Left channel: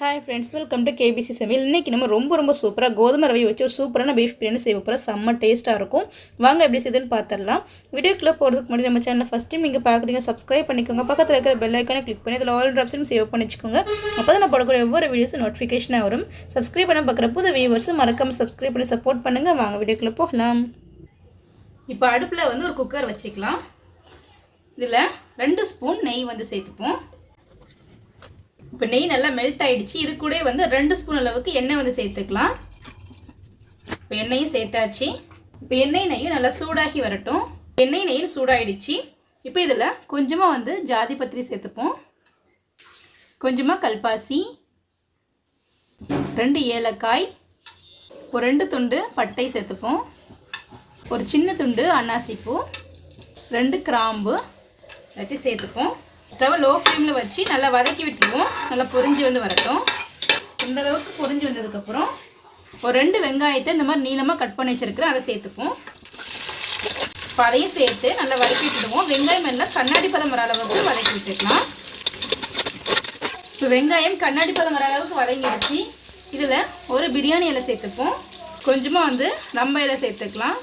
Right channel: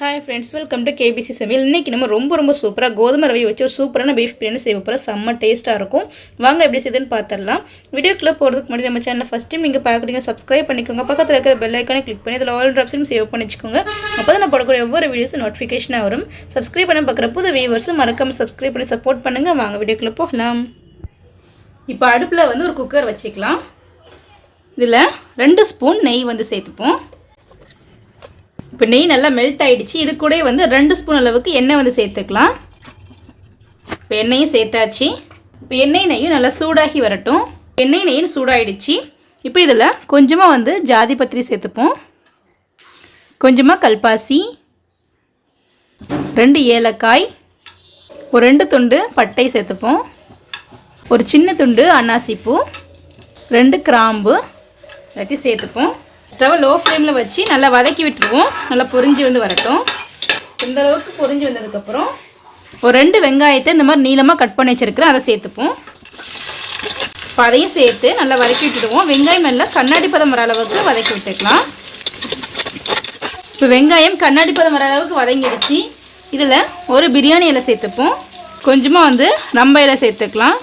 Hi friends, welcome to KBC சமையல். இன்றைக்கி நம்ம ரொம்ப சூப்பராக கோதுமை ரவை வச்சு ஒரு சூப்பரான பீஃப் பிரியாணி செய்ய போகிறோம். செம்ம டேஸ்ட்டாக இருக்கும். வாங்க எப்படி செய்யுதுன்னு பார்த்துடலாம். வீடியோக்குள்ளே போகிறதுக்கு முன்னாடி நம்ம சேனலை ஃபஸ்ட் டைம் நீங்கள் பார்க்குறீங்க, சப்ஸ்கிரைப் பண்ணிக்கோங்க. பக்கத்தில் இருக்கிற பெல் ஐக்கானை கிளிக் பண்ணி அதில் ஆல் ஆப்ஷனும் சேவ் பண்ணி வச்சுக்கோங்க. அப்போ தான் நான் போடக்கூடிய ஒவ்வொரு வீடியோஸும் நோட்டிஃபிகேஷனாக வரும். சப்ஸ்கிரைப் பண்ண பார்க்குற புது வியூவர்ஸும் மறக்காமல் சப்ஸ்கிரைப் பண்ணி சப்போர்ட் பண்ணுங்கள். வாங்க வீடியோக்குள்ளே போகலாம். இப்போ அடுப்பில் ஒரு குக்கர் வச்சுக்கலாம். இதில் 2 ஸ்பூன் நெய் சேர்த்துப்போம். இப்போ நெய் நல்லா மெல்ட் ஆகிடுச்சு. இது கூட 2 ஸ்பூன் அளவுக்கு எண்ணெய் சேர்த்துக்கலாம். இப்போ எண்ணெயும் சேர்த்தாச்சு. இப்போ நெய்யும் நல்லா சூடாகி வரட்டும். நெய்யும் சூடாகிடுச்சு. இப்போ இதில் கொஞ்சமாக ஜாதி பத்திரி சேர்த்துப்போம். கொஞ்சமாக கல்பாசி, 2 ஏலக்காய், ஒரு 2 துண்டு பட்டை சேர்த்துப்போம். ஒரு சின்ன துண்டு அன்னாசிப்பூ, 2 கிராம்பு எல்லாத்தையும் சேர்த்துப்போம். ஸ்டவ் லோ ஃப்ளேமில் வச்சு நல்லா வதக்கி விட்டுருவோம். நல்லா பொரிஞ்சு வரட்டும். இந்த அளவுக்கு பொரிஞ்சு வந்ததுக்கப்புறம் ஒரு 2 வெங்காயத்தை இந்த மாதிரி நீளமாக கட் பண்ணி வச்சுருக்கிறேன், அதை சேர்த்துப்போம். இப்போ அதையும் சேர்த்து நல்லா வதக்கி விட்டுடுவோம். வெங்காயம் நல்லா கண்ணாடி பதம் வர அளவுக்கு வதக்கி விட்டுக்கலாம். இப்போ வெங்காயம் கண்ணாடி பதம் வர அளவுக்கு வதங்கிடுச்சு. இதில் ஒரு பிரியாணி இலை சேர்த்துப்போம். கொஞ்சமாக ரம்ப இலை சேர்த்துக்கலாம்.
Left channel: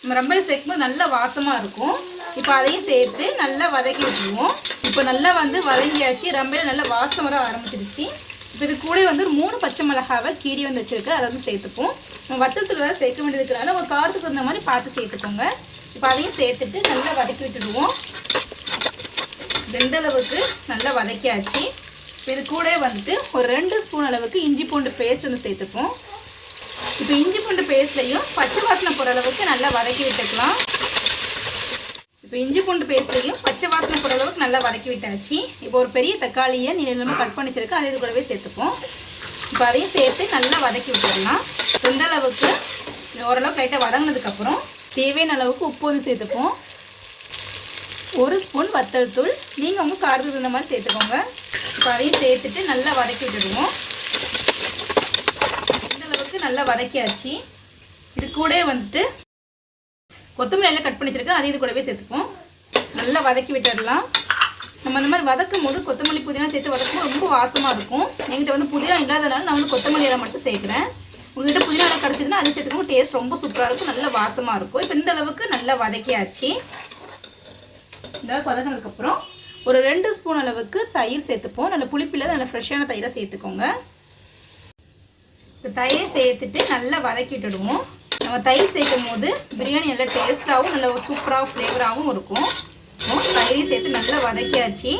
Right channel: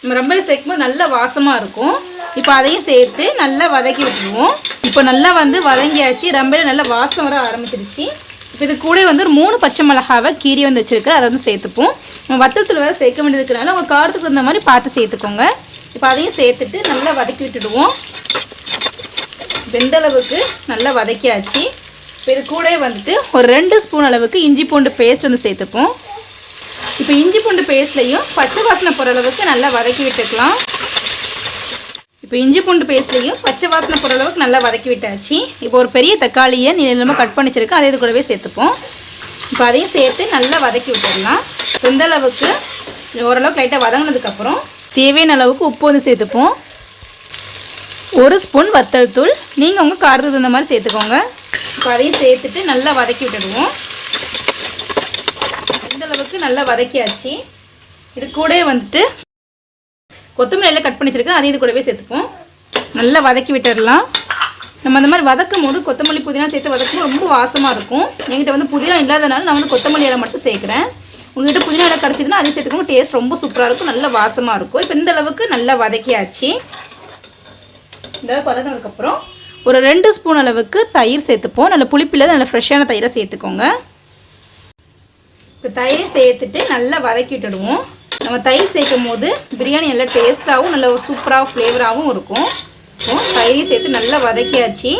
நம்ம ரொம்ப சேர்க்கும்போது நல்ல வாசமாக இருக்கும். இப்போ அதையும் சேர்த்து நல்லா வதக்கி விட்டுருவோம். இப்போ நல்லா வதங்கியாச்சு. ரம்பையில் நல்லா வாசம் வர ஆரம்பிச்சிருச்சு. இது கூட ஒரு 3 பச்சை மிளகாவை கீரி வச்சுருக்கிறேன், அதை சேர்த்துப்போம். நம்ம வத்தத்தில் வேறு சேர்க்க வேண்டியது இருக்கிறனால உங்கள் காரத்துக்கு தகுந்த மாதிரி பார்த்து சேர்த்துக்கோங்க. இப்போ அதையும் சேர்த்துட்டு நல்லா வதக்கி விட்டுடுவோம். வெந்தளவுக்கு நல்லா வதக்கியாச்சு. இது கூட ஒரு 2 ஸ்பூன் அளவுக்கு இஞ்சி பூண்டு பேஸ்ட் சேர்த்துப்போம். இப்போ இஞ்சி பூண்டு பேஸ்ட்லையும் பச்சை வாசனை போகிற அளவுக்கு நல்லா வதக்கி விட்டுக்கலாம். இப்போ இஞ்சி பூண்டு பேஸ்ட்லையும் பச்சை வாசனை போகிற அளவுக்கு நல்லா வதக்கி விட்டாச்சு. இப்போ ஒரு பெரிய தக்காளியை நீளமாக கட் பண்ணி வச்சுருக்கேன், அதை இது கூடவே சேர்த்துப்போம். இப்போ அதையும் சேர்த்து நல்லா வதக்கி விட்டுடலாம். எந்த அளவுக்கு ஓரளவுக்கு லைட்டாக வதங்கினதுக்கப்புறம் தேவையான அளவுக்கு உப்பு சேர்த்துப்போம். 1 ஸ்பூன் வத்தல் தூள், நீங்கள் உங்கள் காரத்துக்கு தகுந்த மாதிரி சேர்த்துக்கோங்க. இப்போ அதையும் சேர்த்துட்டு நல்லா வதக்கி விட்டுடுவோம். நல்லா வதக்கியாச்சு. இது கூட கொத்தமல்லி எல்லாம் கட் பண்ணி வச்சிருக்கேன், அதையும் இது கூடவே சேர்த்துப்போம். நல்லா வதக்கி விட்டுடலாம். நம்ம அந்த மாதிரி வதக்கும் போது கொத்தமல்லி புதினா சேர்த்து வதக்கும் ரொம்ப வாசமாக இருக்கும். என்கிட்ட புதினா இல்லாதனால நான் கொத்தமல்லி இலை மட்டும் சேர்க்குறேன். உங்கள்கிட்ட புதினா இலை கிடச்சிதுன்னா அதையும் சேர்த்துக்கோங்க. டேஸ்ட் ரொம்ப சூப்பராக இருக்கும், நல்ல வாசமாக இருக்கும். இப்போ இந்த அளவுக்கு நல்லா வதக்கியாச்சு. இந்த அளவுக்கு வதக்கினதுக்கப்புறம் ஒரு 2 ஸ்பூன் அளவுக்கு தயிர் சேர்த்துப்போம். நல்ல புளிப்பில்லாத நல்ல ஃப்ரெஷ்ஷான தயிரை சேர்த்துக்கோங்க. இப்போ தயிர் சேர்த்துட்டு நல்லா வதக்கி விட்டுடுவோம். நம்ம தயிர் சேர்க்கும் போது பிரியாணி நல்லா டேஸ்ட்டாகவும் நல்ல சூப்பராக ஃப்ளேவராகவும் இருக்கும். தயிர் சேர்த்து நல்லா வதக்கியாச்சு.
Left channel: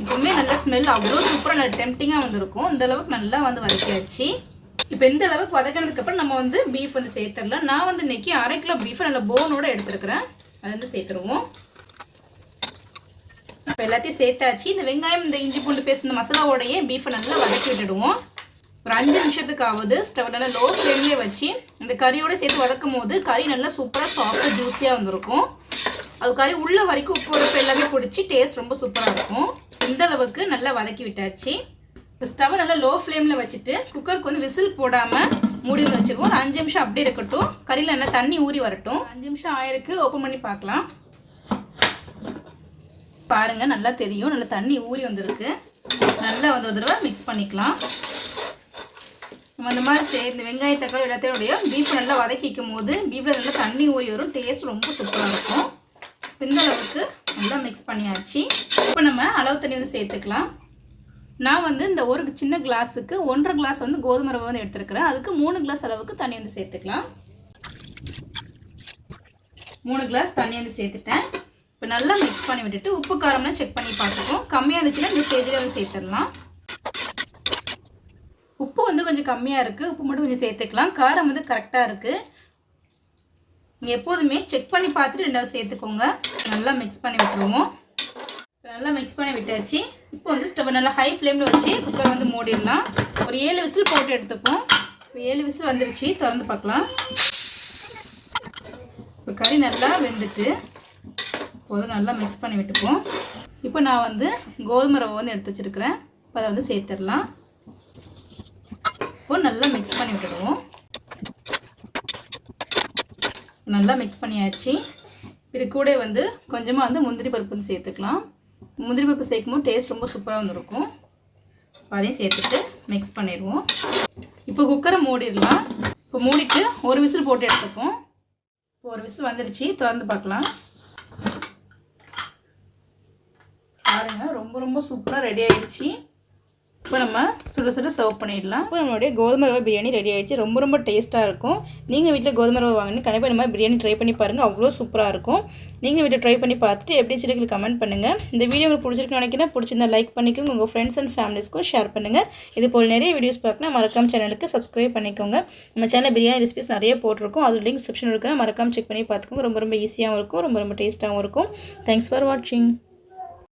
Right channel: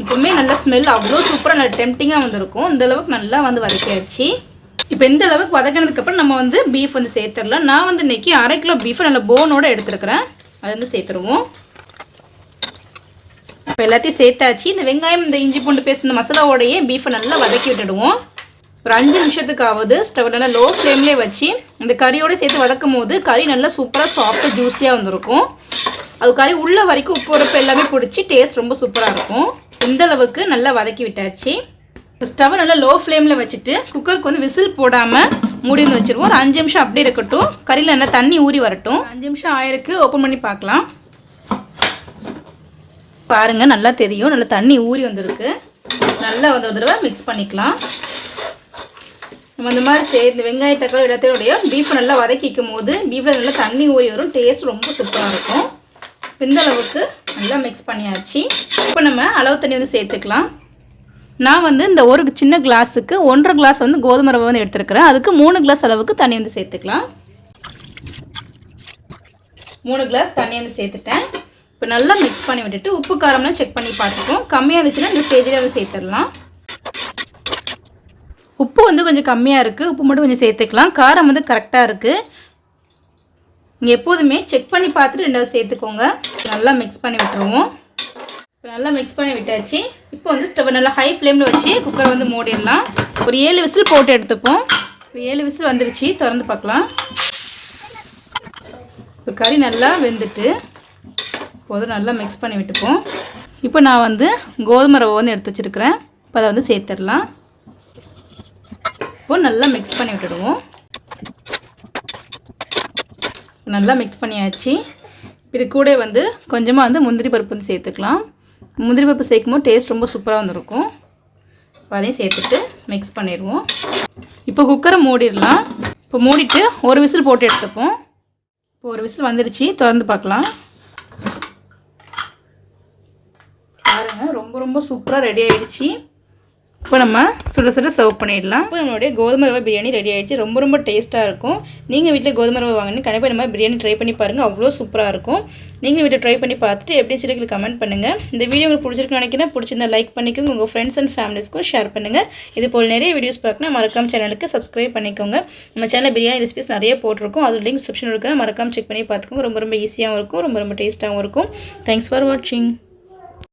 இப்போவுமே நல்லா ஸ்மெல் அவ்வளோ சூப்பராக நல்ல டெம்டிங்காக வந்துருக்கும். இந்த அளவுக்கு நல்லா வதக்கியாச்சு. இப்போ இந்த அளவுக்கு வதக்கினதுக்கப்புறம் நம்ம பீஃப் சேர்த்துடலாம். நான் இன்றைக்கி 1/2 கிலோ பீஃபை நல்லா போனோடு எடுத்துருக்கிறேன், அதை சேர்த்துருவோம். இப்போ எல்லாத்தையும் சேர்த்தாச்சு. இந்த வெங்காயம், இந்த இஞ்சி பூண்டு பேஸ்ட், இந்த மசாலாவோடையே பீஃபை நல்லா வதக்கி விட்டுடுவோம். ஒரு 5 நிமிஷத்துக்காவது ஸ்டவ் நல்லா லோ ஃப்ளேம்லேயே வச்சு இந்த கறியோடு சேர்த்து வதக்கும் போது கறி நல்லா சூப்பராக சாஃப்டாக ஜூஸியாக வந்துருக்கும். அது கறி உள்ள வரைக்கும் உப்பு உரப்பு எல்லாமே பிடிச்சி டேஸ்ட் ரொம்ப சூப்பராக இருக்கும். இந்த அளவுக்கு நல்லா வதக்கி விட்டாச்சு. இப்போ ஸ்டவ் நல்லா லோ ஃப்ளேமில் வச்சுட்டு குக்கருக்கு விசில் போடாமல் மூடி வச்சுருவோம். ஒரு 5 நிமிஷம் அப்படியே இருக்கட்டும். கறியில் நல்லா தண்ணி ஊறி வரட்டும். 5 நிமிஷம் ஆயிருக்கு. ஓப்பன் பண்ணி பார்க்கலாம். பாருங்கள், நல்லா தெரியும், நல்லா தண்ணி ஊறி வந்திருக்கு. நல்லா ஒரு தடவை மிக்ஸ் பண்ணிக்கலாம். நம்ம அந்த மாதிரி சேர்ந்து வெங்காய தக்காளி எல்லாத்தையோடைய பீஃப் நல்லா வதக்கிக்கும் போது பீஃபில் நல்லா தண்ணி ஊறி வரும். டேஸ்ட் ரொம்ப சூப்பராக இருக்கும். இந்த அளவுக்கு நல்லா மிக்ஸ் பண்ணியாச்சு. இப்போ நம்ம அளவு தண்ணி சேர்த்துக்கலாம். நான் இந்த ஒரு சின்ன கிளாஸுக்கு 1.5 கிளாஸ் கோதுமை ரவை எடுத்துருக்கிறேன். அதுக்கு 3 கிளாஸ் அளவுக்கு தண்ணி சேர்த்துக்கலாம். 3 கிளாஸ் தண்ணி சேர்த்துட்டேன். இப்போ நல்லா மிக்ஸ் பண்ணி விட்டுட்டு உப்பு காரம்லாம் செக் பண்ணி பார்த்துப்போம். கம்மியாக இருந்துச்சுன்னா இந்த ஸ்டேஜில் சேர்த்துடலாம். உப்பு கொஞ்சம் கம்மியாக இருக்குது, உப்பு மட்டும் கொஞ்சம் சேர்த்துக்கலாம். காரம் கரெக்டாக இருக்குது. நீங்கள் எப்போதுமே செக் பண்ணி பார்த்துட்டு 2வது சேர்த்துக்கோங்க. நல்லா மிக்ஸ் பண்ணி விட்டுருவோம். நல்லா மிக்ஸ் பண்ணி விட்டாச்சு. இப்போ ஸ்டவ் நல்லா ஹை ஃப்ளேமில் வச்சு குக்கர் மூடிடலாம். ஒரு 7 விசில் போட்டு எடுத்துப்போம். 7 விசில் வந்துருச்சு. திறந்து பார்க்கலாம். இப்போ கறி நல்லா வெந்துட்டு போதும். நல்லா மிக்ஸ் பண்ணி விட்டுப்போம். இப்போ நான் கோதுமை ரவை எடுத்து வச்சுருக்கிறேன். இப்போ அதை சேர்த்துடலாம். இப்போ நல்லா மிக்ஸ் பண்ணி விட்டுடுவோம். நல்லா மிக்ஸ் பண்ணியாச்சு. இது கூட கொஞ்சமாக முந்திரி பருப்பு சேர்த்துக்கலாம். முந்திரி பருப்பு சேர்க்கும் போது டேஸ்ட் ரொம்ப சூப்பராக வந்துருக்கும். அதையும் சேர்த்துட்டு மிக்ஸ் பண்ணிடுவோம். இப்போ குக்கரை மூடிடலாம். இப்போ மூடிட்டு ஒரு விசில் போட்டு எடுத்துப்போம். இப்போ ஒரு விசில் வந்துடுச்சு, திறந்து பார்க்கலாம். பாருங்க, ரொம்ப சூப்பராக ரெடி ஆகிடுச்சு. இப்போ நம்ம சுட சுட சர்வ் பண்ணிடலாம். இப்போ நம்மளுடைய கோதுமை ரவை பிரியாணி ரெடி ஆகிடுச்சு. ரொம்ப டேஸ்ட்டாக இருக்கும். நீங்கள் வீட்டில் கோதுமை ரவை வாங்கினு கண்டிப்பாக நம்ம பிரியாணி ட்ரை பண்ணி பாருங்கள். அவ்வளோ சூப்பராக இருக்கும். நீங்கள் வீட்டில் ட்ரை பண்ணி பார்த்துட்டு எப்படி சொல்லி கமெண்ட் பண்ணுங்கள். இந்த வீடியோ உங்களுக்கு பிடிச்சிருக்குன்னு நினைக்கிறேன். பிடிச்சிருந்தா லைக் பண்ணிக்கோங்க. உங்கள் ஃப்ரெண்ட்ஸ் அண்ட் ஃபேமிலிஸ்க்கும் ஷேர் பண்ணுங்கள். இது போல் நிறைய வீடியோஸ் பார்க்கணும். மறக்காம சேனலுக்கு சப்ஸ்கிரைப் பண்ணிக்கோங்க. நம்ம சேனலில் பிரியாணி ரெசிபிஸ் நிறைய போட்டிருக்கோம். அது லிங்க் டிஸ்கிரிப்ஷன் இருக்கிற மறக்காம செக் பண்ணி பார்த்துக்கோங்க. ரொம்ப ஈஸியாகவும் இருக்கும். ரொம்ப டேஸ்ட்டாகவும் இருக்கும். தேங்க்ஸ் ஃபார் வாட்சிங்.